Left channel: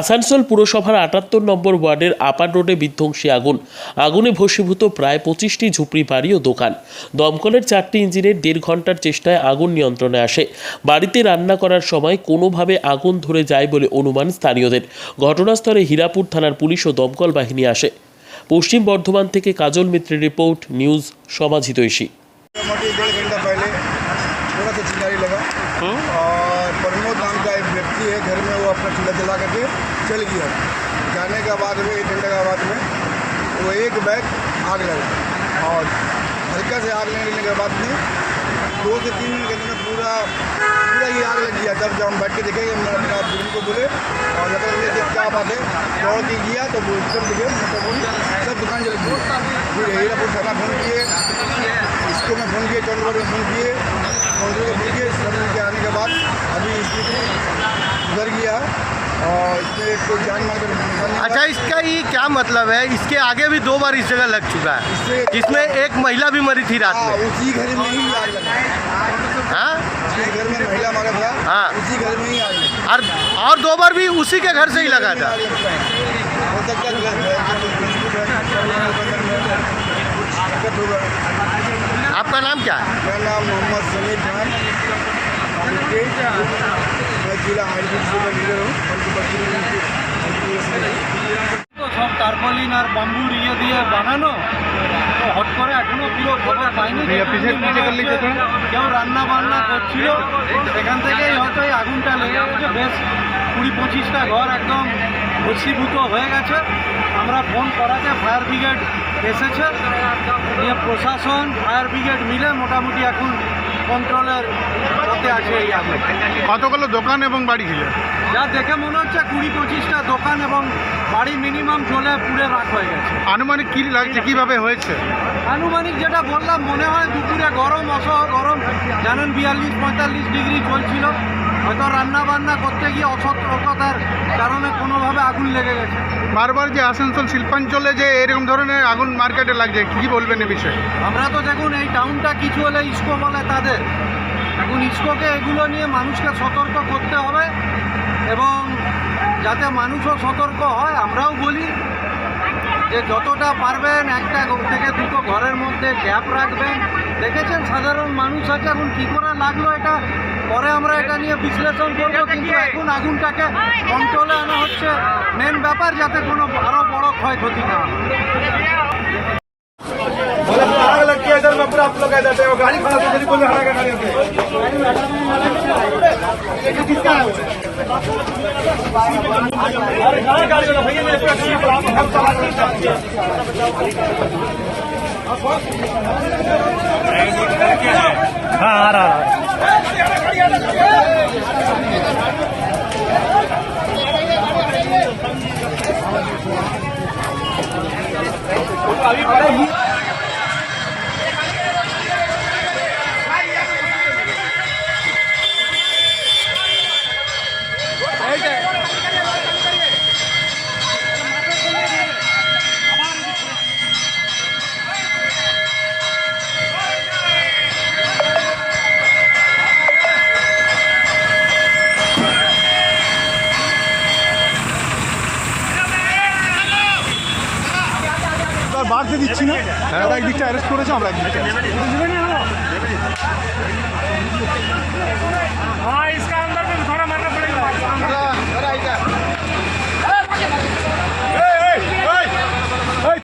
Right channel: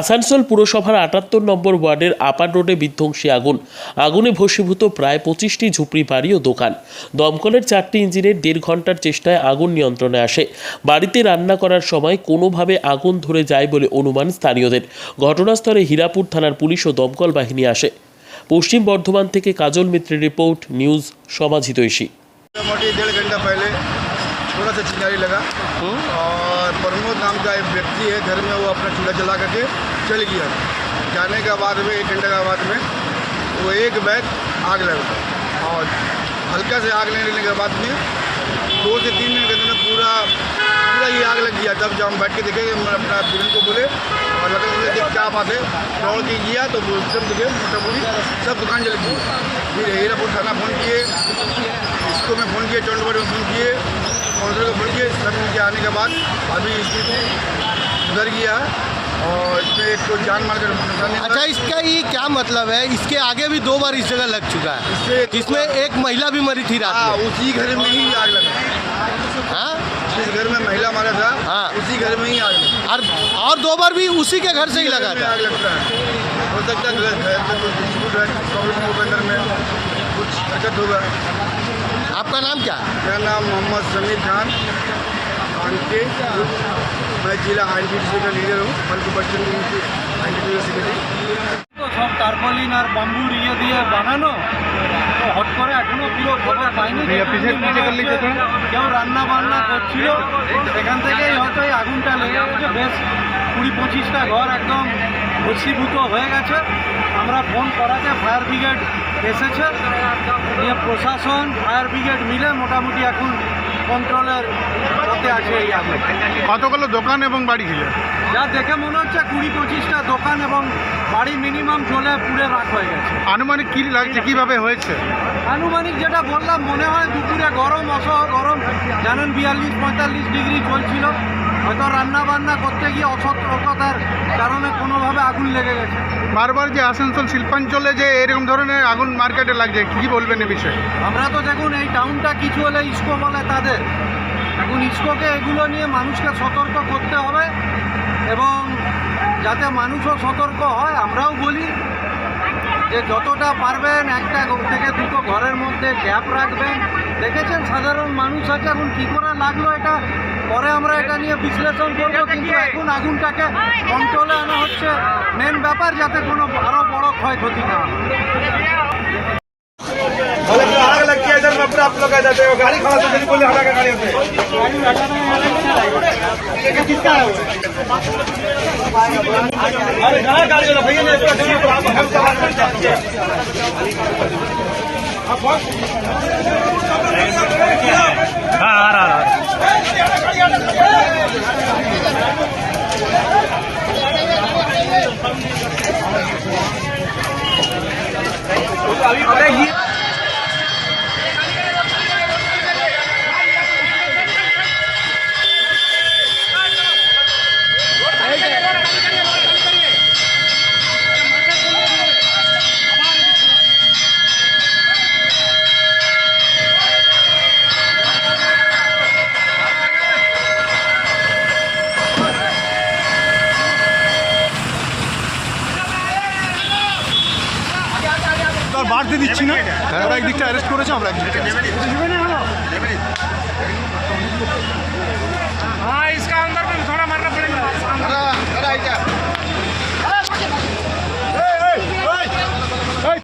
আসানসোল পুরসভার আটাত্তর নম্বর ওয়ার্ডের আপার রোডে বিধ্বংসী আগুন। আগুনে ভসীভূত প্রায় পঁচিশটি ঝুপড়ি বাড়ি ও দোকান। দমকলের চারটি ইঞ্জিনের দেড় ঘণ্টার চেষ্টায় আগুন নিয়ন্ত্রণে আসে। বাড়িতে রান্না করার সময় কোনোভাবে আগুন ধরে যায় বলে অনুমান স্থানীয়দের। ঘটনাস্থলে হীরাপুর থানার পুলিশ ও দমকল বাহিনী আসে। পশ্চিম বর্ধমান থেকে কাজল মিত্রের রিপোর্ট, নিউজ সমাজিত थोड़ा सा चिंगारी लगा। और प्रमोद नाम का एक व्यक्ति है घर में वो अपना चूल्हा जला करके चल गया। जाने के बाद में एक घंटे के बाद में वो एक बैग आग लगा और हल्का से आग लेने के बाद में दो से तीन मिनट के अंदर पूरा पूरा ये आग लग गया। तब जब हम बैठ के देखे हम अपना दुल्हन को बोले और लगा बोले कि क्या बात है। दौड़ के गया तो एकदम देखे मतलब पूरी सब दुकान जल गई। फिर हीरापुर थाना फ़ोन किए इसको मैं फ़ोन किए चौंडवर में फ़ोन किए काउंटर को फ़ोन किए सब के आने के बाद। अभी स्थिति सुधर गया है और इसमें एक कोई जान मार कर। अच्छा इसका ये क्या मतलब है? इसके आगे भी दो बार इस जगह लग चुका है। इससे जिसमें एक महिला भी मरी थी रात हाँ में उसी घर में ही आग लगा हाँ? जिस घर में महिला मारा था हाँ। उसी घर में ही आग लगा और और दो बार भी उसी के घर से ही लगा था। है। हो सकता है कुछ है है होगा। आपका नाम क्या है? मेरा नाम मोहम्मद समीर खान। मैं जिला टी का लीडर हूँ সব টার্পলিন আর বাম্বুর ইয়ে দিয়ে বানানো। তো হট করে এখনও পুরো খবর পাইনি কেউ রান্না বান্না করছিল সেখান থেকেই হয়তো এই আগুনটা লেগে গেছে। বেশ কুড়ি পঁচিশটা ঘর একদম ভস্মীভূত হয়ে গেছে। আমরা ফোন করাতে ফায়ার ব্রিগেড এসেছে। নিয়ে প্রশাসন ফায়ার ব্রিগেড মিলে মোটামুটি এখন কন্ট্রোলের মধ্যে আছে এই আগুন। কতগুলো দোকান এবং বাড়ি ছিল? যা দেখে মনে হচ্ছে কুড়ি পঁচিশটা দোকান এবং বাড়ি মিনিমাম চলে পুড়ে রাখ হয়ে গেছে। আনুমানিক কী লাগছে কীভাবে হয়েছে? আনুমানিক যেটা বললাম মনে হয় দুপুরে গরম অসহ গরম জানেন বিয়াল্লিশ পঁয়তাল্লিশ ডিগ্রি চলছিল। হয়তো রান্না বান্না করতে গিয়ে অসতর্কতার কারণে কোনোভাবে আগুন লেগে গেছে। বারবার যে আসানসোল শিল্পাঞ্চলে যে এরকম ধরনের আগুন মার্কেটে লাগছে কি বলবেন এ বিষয়ে? আমরা তো দেখুন এই টাউনটা কিছু হলে ইস্কো বলে তাদের। এখন ইস্কোকে এগুলো নিয়ে মানুষকে সতর্ক করতে হবে এবং যাতে মানুষও সতর্ক হয় আমরাও বলি। যে যতটা পারবেন একটা ঘর থেকে দুটো ঘরের মধ্যে গ্যাপ রাখবেন। দেখেছেন সাধারণ মানুষ আছে এখন কী করে লাগল এটা? পরে আমরা এটা নিয়ে বিশ্লেষণ করব কিন্তু এখন আগুনটাকে কন্ট্রোলে আনা হচ্ছে। মেন ব্যাপার যাতে কোনো আরও বড় ক্ষয়ক্ষতি না হয়। आप लोग जाते हो गाड़ी खड़ा कर बोले हमारा गाड़ी हाँ। आ रहा। अबे ये আর বাড়তে দিচ্ছি না। তারা একদিকটা অ্যারেস্ট করেছে আমরা একদিকটা